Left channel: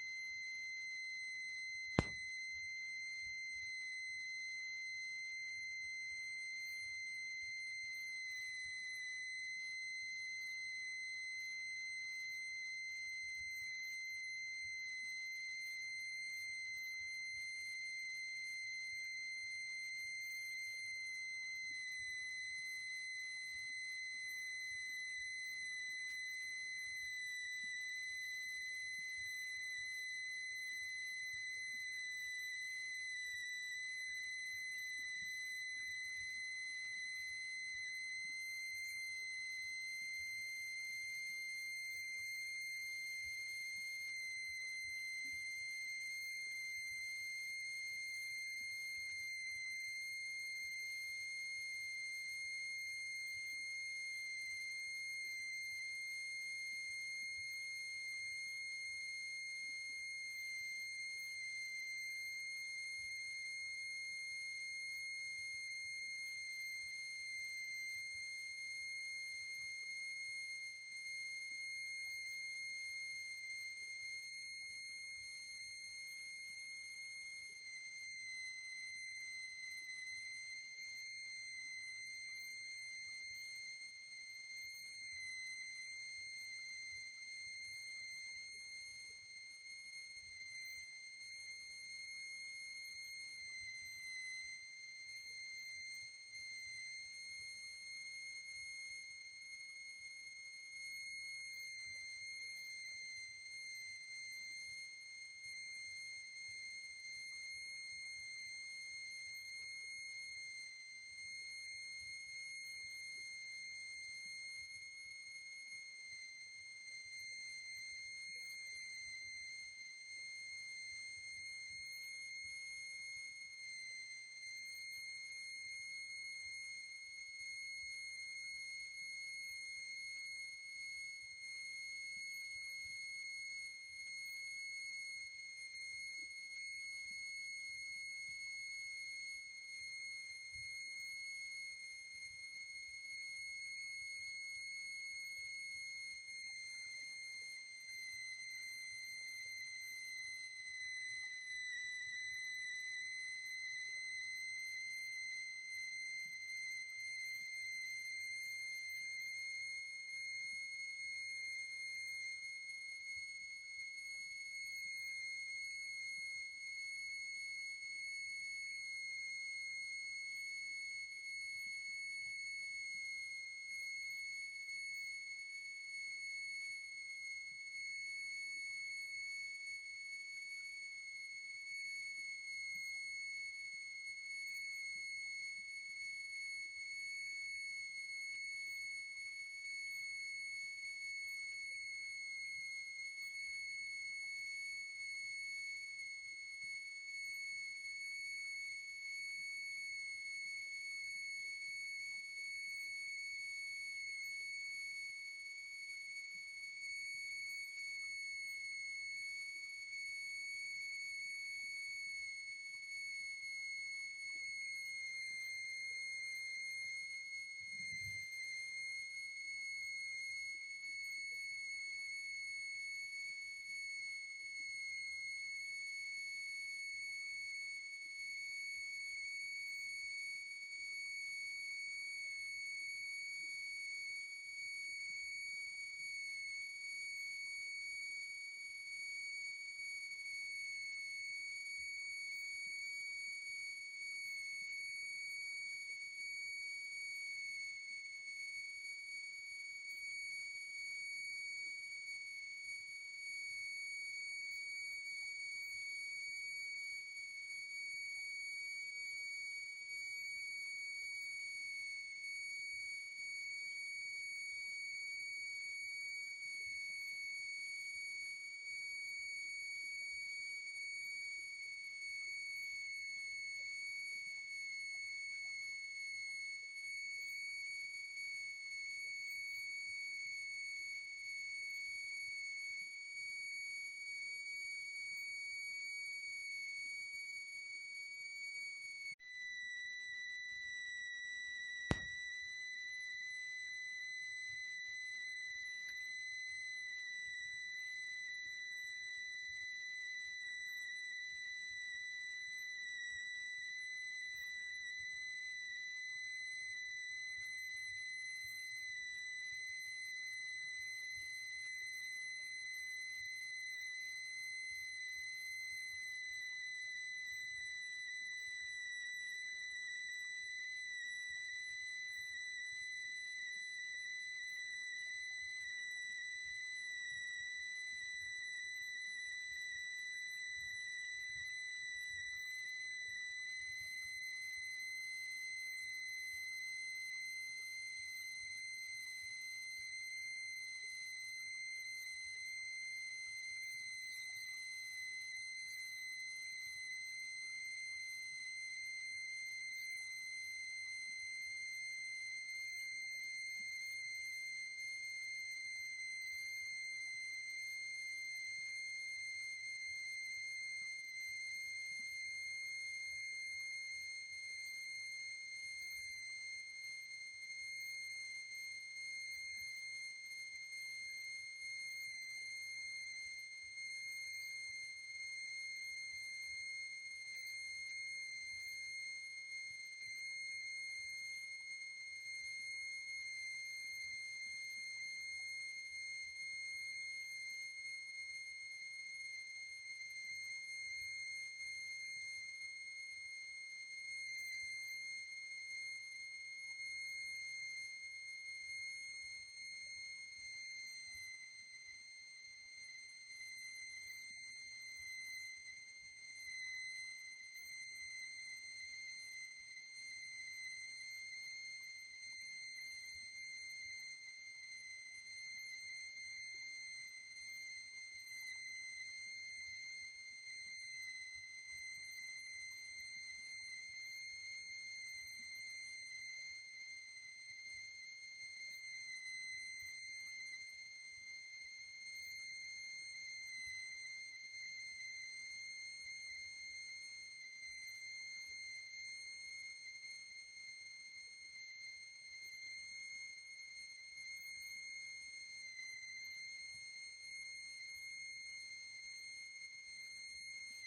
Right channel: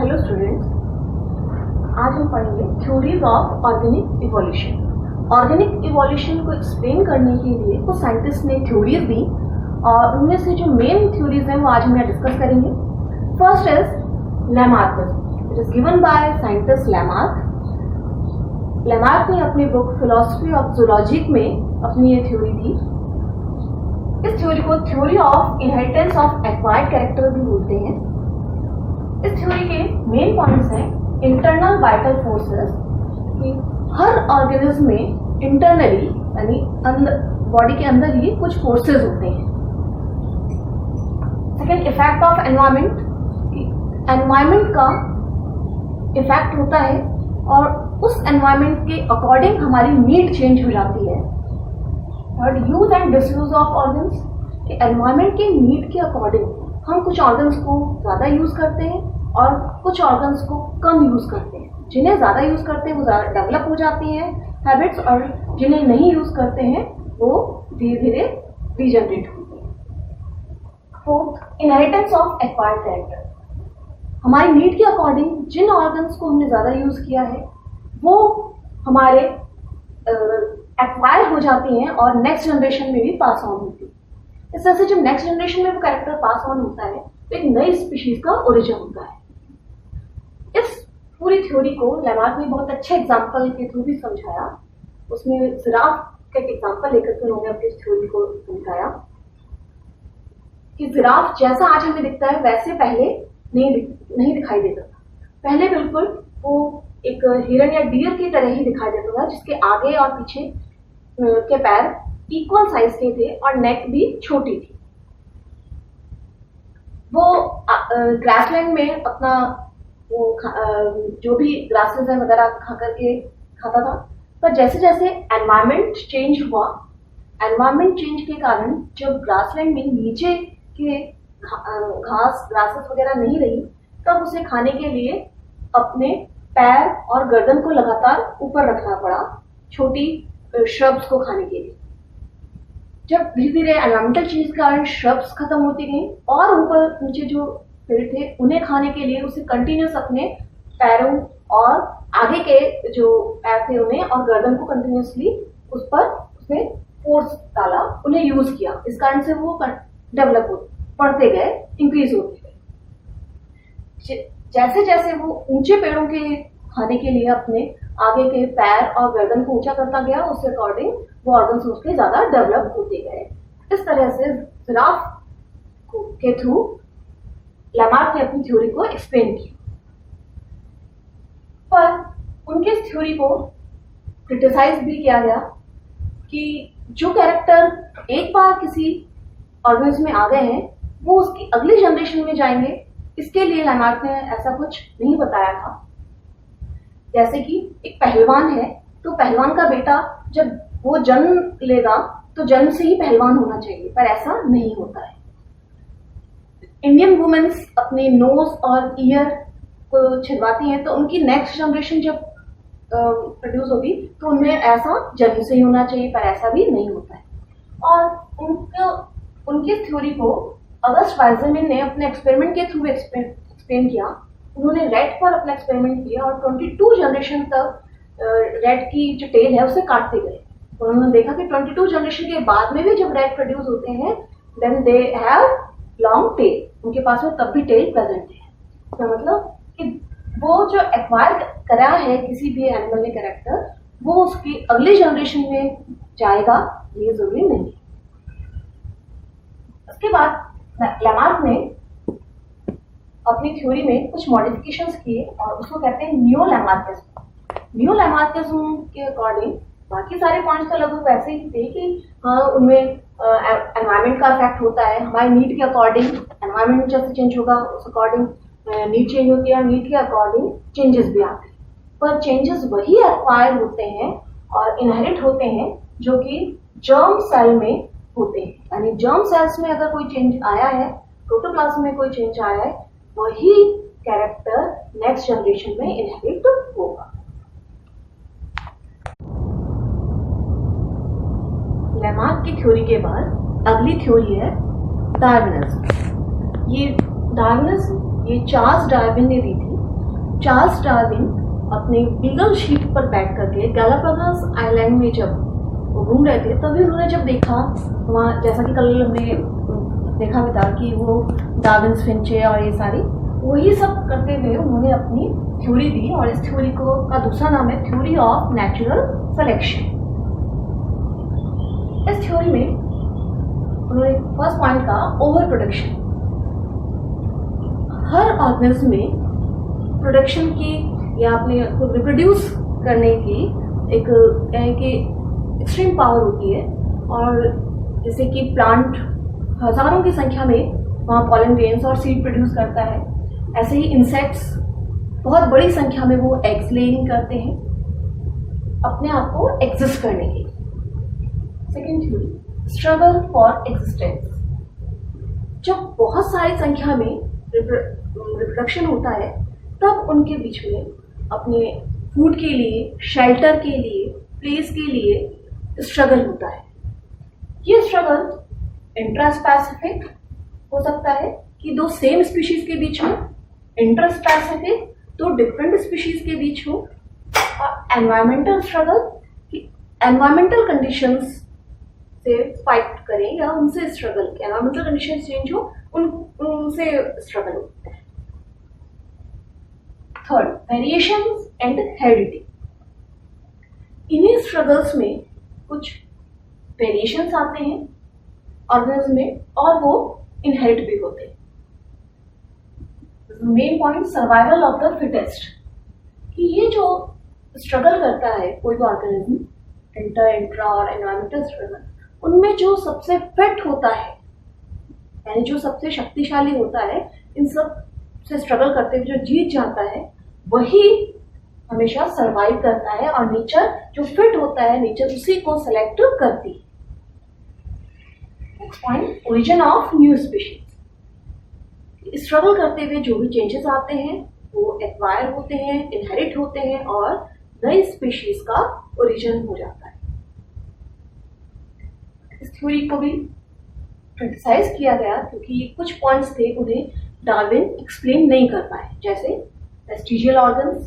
Hello students, आज हम पढ़ेंगे theories of organic evolution. Organic evolution को एक्सप्लेन करने के लिए कुछ साइंटिस्ट ने थ्योरीज दी और उनमें से जो मेन थ्योरीज हैं वो आज हम यहाँ डिस्कस करेंगे। First is Lamarck, it is given by scientist Lamarck. Lamarck ने अपनी बुक फिलॉसफी ऑफ जूलॉजी में अपनी ये थ्योरी दी। इस थ्योरी को theory of inheritance of acquired character भी बोलते हैं। इस थ्योरी के मेन पॉइंट्स हैं इंटरनल वाइटल फोर्सेस, कि हर ऑर्गेनिज्म में इंटरनली यानी बॉडी के अंदर ही कुछ फोर्सेस होते हैं। Second, effect of environment, environment का इफेक्ट होता है और उस एनवायरमेंट के अकॉर्डिंग हमारी नीड चेंज हो जाती है। Third, use and disuse of organs, environment के नीड के अकॉर्डिंग हम कुछ ऑर्गन्स को ज़्यादा यूज़ करते हैं और कुछ ऑर्गन्स को कम यूज़ करते हैं। जिन्हें ज़्यादा यूज़ करते हैं वो ज़्यादा डेवलप हो जाती हैं हैबिट्स, और जिन्हें नहीं यूज़ करते हैं वो धीरे धीरे रीजनरेट होते हैं। Fourth, inheritance of acquired character, हमारी नीड के अकॉर्डिंग जिन ऑर्गन्स को हमने ज़्यादा यूज़ किया है वो हमारे एक्वायर हो जाती हैं और नेक्स्ट जनरेशन में भी पास ऑन होती है। इस तरह से जब नेक्स्ट जनरेशन में वो कैरेक्टर पास ऑन होता है तो एक नई स्पीशीज का ओरिजिन होता है। इस पूरी थ्योरी को लैमार्क ने बहुत अच्छे एग्जाम्पल के थ्रू भी समझाया। उसमें जिराफ का एक एग्जाम्पल लेकर के उन्होंने अपनी थ्योरी को समझाया कि जिराफ जैसा आज हमें दिखता है वैसे पहले नहीं दिखाई देता था। पहले बिल्कुल वो एक हिरन या डियर की तरह ही दिखाई देता था, जिसके आगे और पीछे के पैर इक्वल साइज के थे और नेक भी छोटी थी। वो ग्रासलैंड में अपना वो जो भी ग्रासेस है वगैरह खा करके खाता था। पर जैसे जैसे एनवायरनमेंट चेंज हुआ, एनवायरनमेंट चेंज के कारण जब ग्रासलैंड में नीचे के घास ग्रासेस वगैरह नहीं रही, तब उसे खाने के लिए अपने पैर और गर्दन को लगातार ऊपर रखना पड़ा छोटी श्रब्स को खाने के लिए। जब धीरे धीरे एनवायरमेंटल चेंज के कारण श्रब्स खत्म होती गई और ऊपर नीचे जो पेड़ थे उन्हें खाने के लिए उसे कंटिन्यूस अपने पैरों और आगे के जो पैर थे उन्हें और गर्दन को कंटिन्यूसली उस पर उसमें फोर्स डाला, उन्हें यूज किया। इस कारण से वो डेवलप होते बढ़ते गए, इंक्रीज होते गए। जैसे जैसे वो ऊंचे पेड़ों के खाने के लिए अपने आगे के पैर और गर्दन को ऊंचा करता गया, उसके अकॉर्डिंग वो ऑर्गन्स उसके ज़्यादा डेवलप होते गए। इस तरह से जिराफ के थ्रू लैमार्क ने अपनी थ्योरी को एक्सप्लेन किया। पर उनके इस थ्योरी को क्रिटिसाइज भी किया गया कि जो कैरेक्टर एक बार किसी ऑर्गन्स में आ गए हैं वो उसकी अगली जनरेशन में जाएंगे, इसके लिए लैमार्क ने ऐसा कुछ नहीं बताया था। जैसे कि एक पहलवान है तो पहलवान का बेटा जब वो जन्म लेगा तो जन्म से ही पहलवान होना चाहिए, पर ऐसा नहीं होता है। इंडियन वुमेन्स अपने नोज और ईयर को छिदवाती हैं तो उनकी नेक्स्ट जनरेशन जब प्रोड्यूस होगी तो उनमें ऐसा जन्म से ही होना चाहिए, पर ऐसा भी नहीं होता है। और उनकी थ्योरी को अगस्ट वाइजरमैन ने अपने एक्सपेरिमेंट के थ्रू एक्सप्लेन किया। उन्होंने रेड पर अपना एक्सपेरिमेंट किया और 22 जनरेशन तक रेड की जो टेल है उसे काटते गए। उन्होंने देखा कि 22 जनरेशन के बाद में भी जब रेड प्रोड्यूस होते हैं then they have long tail, उनके पास में तब भी टेल प्रेजेंट है। तो मतलब कि वो जो एक्वायर करा है किसी भी एनिमल ने कैरेक्टर, वो उसकी अगली जनरेशन में जाएगा, ये जरूरी नहीं। उसके बाद लैमार्क ने अपनी थ्योरी में कुछ मॉडिफिकेशंस किए और उसको कहते हैं न्यू लैमार्किज्म। न्यू लैमार्किज्म के अकॉर्डिंग बाकी सारे पॉइंट्स तो लगभग वैसे ही थे कि हाँ उनमें एनवायरनमेंट का इफेक्ट होता है, हमारी नीड के अकॉर्डिंग एनवायरनमेंट जैसे चेंज होगा उस अकॉर्डिंग नीड चेंज होती है, नीड के अकॉर्डिंग चेंजेस भी आते हैं। पर चेंजेस वही एक्वायर होते हैं और इनहेरिट होते हैं जो कि जर्म सेल में होते हैं। यानी जर्म सेल्स में अगर कोई चेंज आया है, प्रोटोप्लाज्म में कोई चेंज आया है, वही कैरेक्टर नेक्स्ट जनरेशन में इनहेरिट होगा। लैमार्क की थ्योरी के बाद अगली थ्योरी है डार्विनिज्म। ये चार्ल्स डार्विन ने दी थी। चार्ल्स डार्विन अपने बीगल शीप पर बैठ करके गैलापागोस आइलैंड में जब वो घूम रहे थे, तभी उन्होंने जब देखा वहाँ, जैसा कि कल हमने देखा भी था कि वो डार्विन्स फिंचे और ये सारी वही सब करते हुए उन्होंने अपनी थ्योरी दी, और इस थ्योरी को का दूसरा नाम है थ्योरी ऑफ नेचुरल सिलेक्शन। इस थ्योरी में उन्होंने फर्स्ट पॉइंट कहा ओवर प्रोडक्शन। हर ऑर्गेनिज्म में प्रोडक्शन की या अपने को रिप्रोड्यूस करने की एक एक्सट्रीम पावर होती है, और जैसे कि प्लांट हजारों की संख्या में वहाँ पॉलन ग्रेन्स और सीड प्रोड्यूस करता है, ऐसे ही इंसेक्ट्स बहुत बड़ी संख्या में वो एग्स लेइंग करते हैं अपने आप को एग्जिस्ट करने के लिए। Second theory struggle for existence. जब बहुत सारी संख्या में रिप्रोडक्शन होता है तब उनके बीच में अपने फूड के लिए, शेल्टर के लिए, प्लेस के लिए स्ट्रगल होता है। ये स्ट्रगल इंट्रास्पेसिफिक हो सकता है कि दो सेम स्पीशीज के बीच हो, इंटरस्पेसिफिक दो डिफरेंट स्पीशीज के बीच हो, और एनवायरमेंटल स्ट्रगल कि एनवायरमेंटल कंडीशंस से फाइट करें या उनसे स्ट्रगल, एनवायरमेंटल कंडीशंस चेंज हो उनसे स्ट्रगल हो। Third variation and heredity. इन्हीं स्ट्रगल्स में कुछ वेरिएशंस आते हैं ऑर्गेनिज्म में और वो इनहेरिट भी होते हैं। Main point survival of the fittest, कि ये जो स्ट्रगल करता है कोई भी ऑर्गेनिज्म, इंट्रा और एनवायरमेंटल स्ट्रगल, उनमें जो सबसे फिट होता है यानी जो सबसे शक्तिशाली होता है, इन सब से स्ट्रगल करते हुए जो जीत जाता है वही हमेशा सरवाइव करता है, और नेचर जो फिट होता है नेचर उसी को सेलेक्ट करती है। Next point origin of new species. Struggle करते हुए जो भी चेंजेस आते हैं वो एक्वायर होते हैं, इनहेरिट होते हैं और नई स्पीशीज का ओरिजिन हो जाता है। इस थ्योरी को भी क्रिटिसाइज किया गया क्योंकि कुछ पॉइंट्स थे उन्हें डार्विन एक्सप्लेन नहीं कर पाए, जैसे वेस्टिजियल ऑर्गन्स।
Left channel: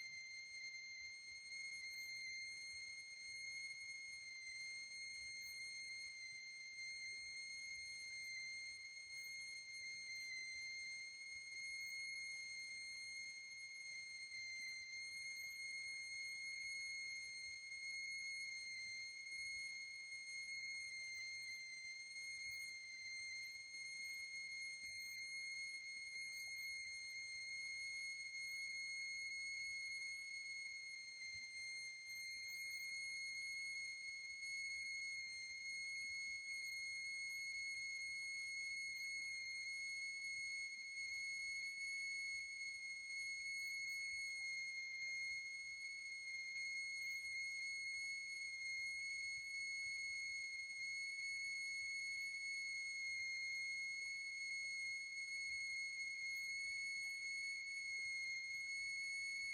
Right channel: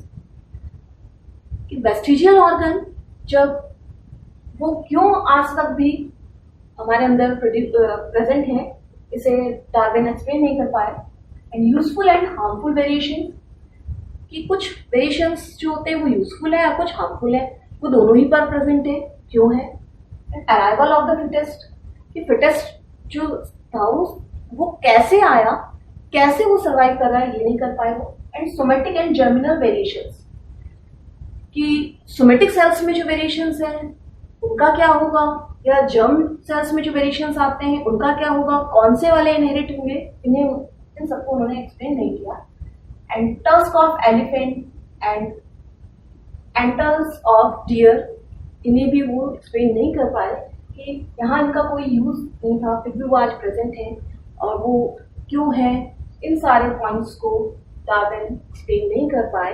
कि वेस्टिजियल ऑर्गन जब वो क्यों आज तक भी हमारे अंदर प्रेजेंट है, इसे डार्विन एक्सप्लेन नहीं कर पाए। And useful and harmful variation, कि कुछ वेरिएशंस जो होते हैं वो यूजफुल है और कुछ हार्मफुल है, वो दोनों ही पर प्रेजेंट है, क्यों है। And arrival of the fittest, कि फिटेस्ट जो था वो कैसे आया, कैसे वो सर्वाइव कर रहा है, ये नहीं कर पाए वो। And somatic and germinal variations, कि सोमेटिक सेल्स में जो वेरिएशंस हैं उनका क्या होगा, या जर्म सेल्स में जो वेरिएशंस आते हैं उनका क्या होगा, कौन से वाले इनहेरिट होंगे, इन सबको उन्होंने एक्सप्लेन नहीं किया। And tusk of elephant and antlers of deer, इन्हें भी वो एक्सप्लेन नहीं कर पाए कि यहाँ इनका कोई यूज नहीं था, फिर भी वो आज प्रेजेंट है और वो क्यों है। इन सारे पॉइंट्स को डार्विन एक्सप्लेन नहीं कर पाए।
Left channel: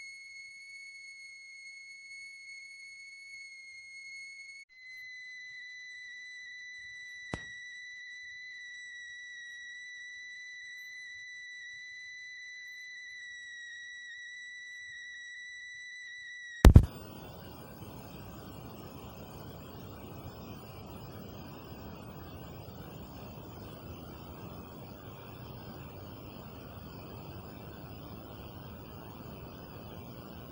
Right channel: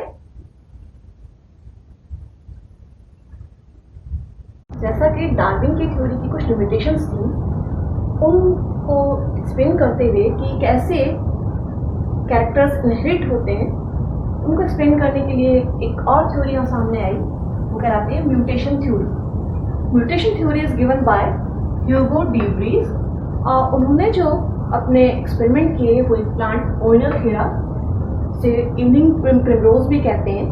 जैसा कि डार्विन की थ्योरी की कुछ लिमिटेशंस थी, उनको एक्सप्लेन करते हुए कि कैसे कैरेक्टर्स इनहेरिट होते हैं, उनको एक्सप्लेन करने के लिए एक और थ्योरी हम सामने आई, वो कहलाती है mutation theory. Mutation theory is given by Hugo de Vries. उन्होंने जो अपने एक्सपेरिमेंट किए वो एक प्लांट ओइनोथेरा से इवनिंग प्रिमरोज भी कहते हैं,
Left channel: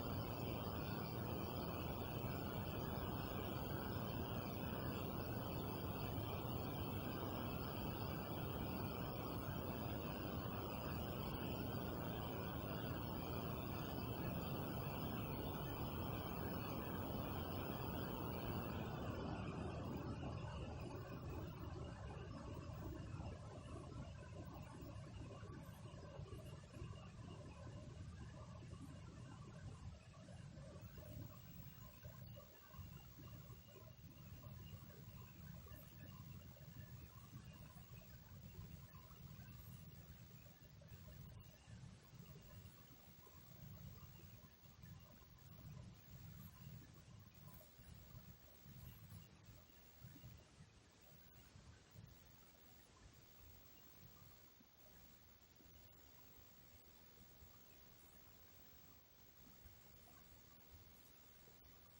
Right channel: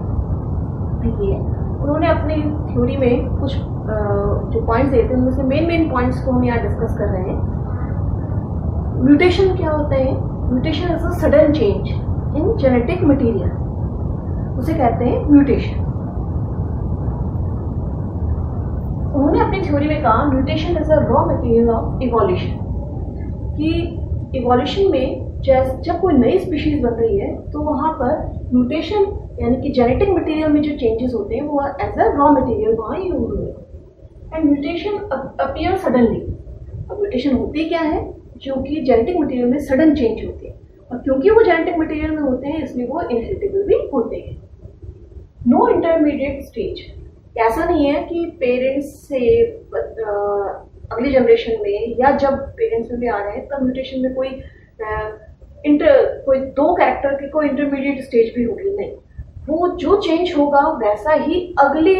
उन्होंने अपनी थ्योरी में कुछ जो पॉइंट्स देते हैं उनमें से मेन पॉइंट्स को हम यहाँ डिस्कस कर रहे हैं। म्यूटेशन क्या होता है? Mutation is a sudden change in genetic material, उसे कहते हैं म्यूटेशन। उन्होंने अपनी थ्योरी में कहा mutation is a raw material of evolution, कि इवोल्यूशन में जब कोई नई स्पीशीज बन रही है तो वहाँ पर म्यूटेशन यानी कि जेनेटिक मटेरियल में जो चेंजेस होते हैं वो एज अ रॉ मटेरियल वहाँ यूज होते हैं। And mutation appear suddenly. अब म्यूटेशन होती क्या है? जो कि जेनेटिक मटेरियल में सडन चेंज होते हैं, और क्योंकि वो जेनेटिक मटेरियल में होते हैं इसलिए वो इनहेरिटेबल भी होते हैं। नो इंटरमीडिएट स्टेज, ऐसा नहीं है कि पेरेंट्स से अगली जनरेशन में या जब पेरेंट्स में भी आ रहे हैं तब म्यूटेशन में कोई दो कैरेक्टर की कोई इंटरमीडिएट स्टेज भी होगी, नहीं। वो जो चेंज होगा वैसा ही अगले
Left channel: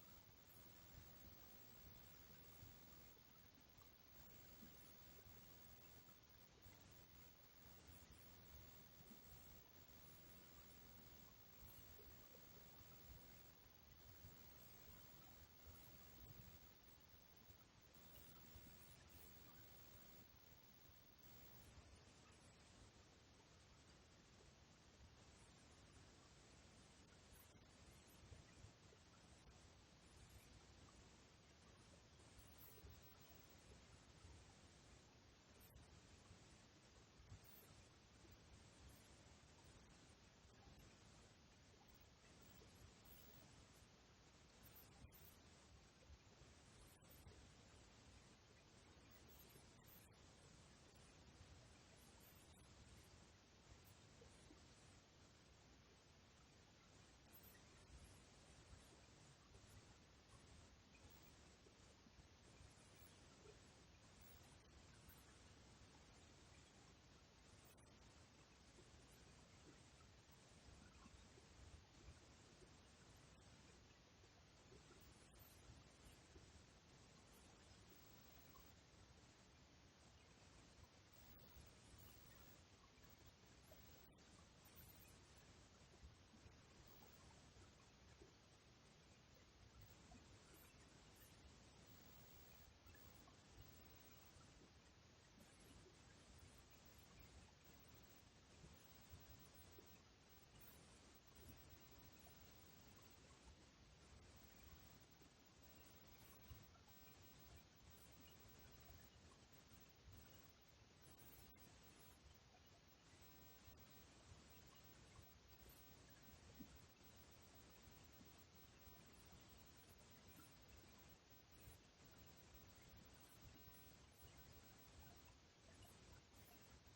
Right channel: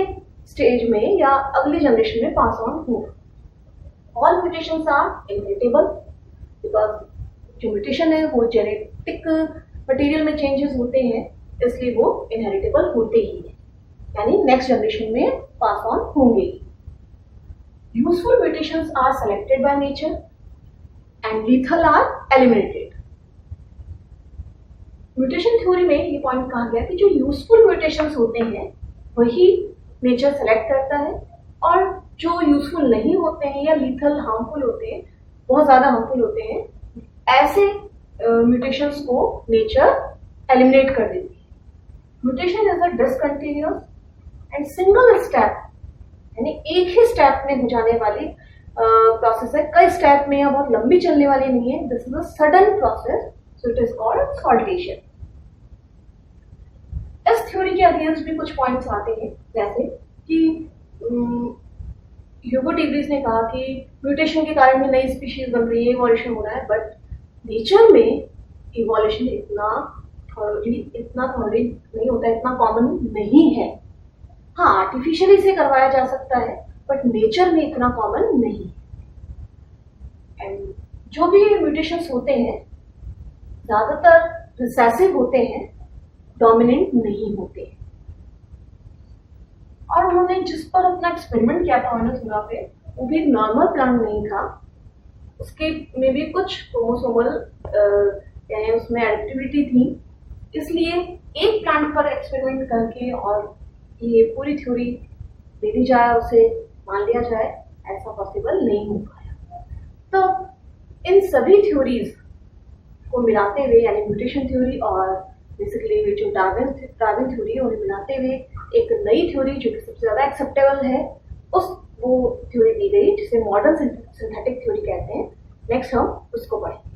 स्टेज में या अगले जनरेशन में पास ऑन होगा। All mutations are inheritable because जो म्यूटेशन है वो जेनेटिक मटेरियल में चेंजेस होते हैं, इसलिए वो इनहेरिटेबल होते ही हैं, यानी नेक्स्ट जनरेशन में पास ऑन होंगे। Useful mutations are selected by nature and lethal are eliminated. Mutation theory में ये पॉइंट कहा गया कि जो यूजफुल म्यूटेशंस होते हैं वही नेचर सेलेक्ट करता है, और जो यूजफुल नहीं होते हैं या लीथल हार्मफुल होते हैं, बहुत ज़्यादा हार्मफुल होते हैं, ऐसे म्यूटेशंस को नेचर एलिमिनेट कर देती है। Mutation is a discontinuous and single step, यानी एक ही स्टेप में हो जाने वाली प्रोसेस है, कई स्टेप में या बहुत लंबी चलने वाली नहीं है। This is a sudden process, so it is called saltation. इस थ्योरी के अगेंस्ट भी कुछ पॉइंट्स आते हैं, जैसे कि ह्यूगो डीवरीज ने कहा कि म्यूटेशन के कारण भी नई स्पीशीज बन रही है, इवोल्यूशन हो रहा है, बट नेचर में इवोल्यूशन इतना थॉरली नहीं होता, इतना कॉमन नहीं है। हाँ, आर्टिफिशियली से करवाया जा सकता है, बट नेचर में इतना कॉमन नहीं। एंड जो भी म्यूटेशंस होते हैं ज़्यादातर रिसेसिव होते हैं, डोमिनेंट नहीं होते। और उन्होंने जिस पर अपना एक्सपेरिमेंट किया था ऑर्निथोरा पे, वो भी नॉर्मल प्लांट नहीं था, उसके में भी कुछ क्रोमोसोमल यानी उसमें एडिटिविटी थी, इसलिए एक प्लांट पर एक्सपेरिमेंट करके और ये पूरी थ्योरी दे दी जाए, उसे मान लिया जाए, ऐसा पॉसिबल नहीं हो पाया। तो इन सभी थ्योरीज को मिलाते हुए, यानी म्यूटेशन थ्योरी और बेसिकली जो डार्विन थ्योरी है, उन्हें मिलाते हुए एक नई थ्योरी जो कि सबसे ज़्यादा एक्सेप्टेबल है, वो थ्योरी दी गई, जिसे मॉडर्न सिंथेटिक थ्योरी कहते हैं। नेक्स्ट हम उसको पढ़ेंगे।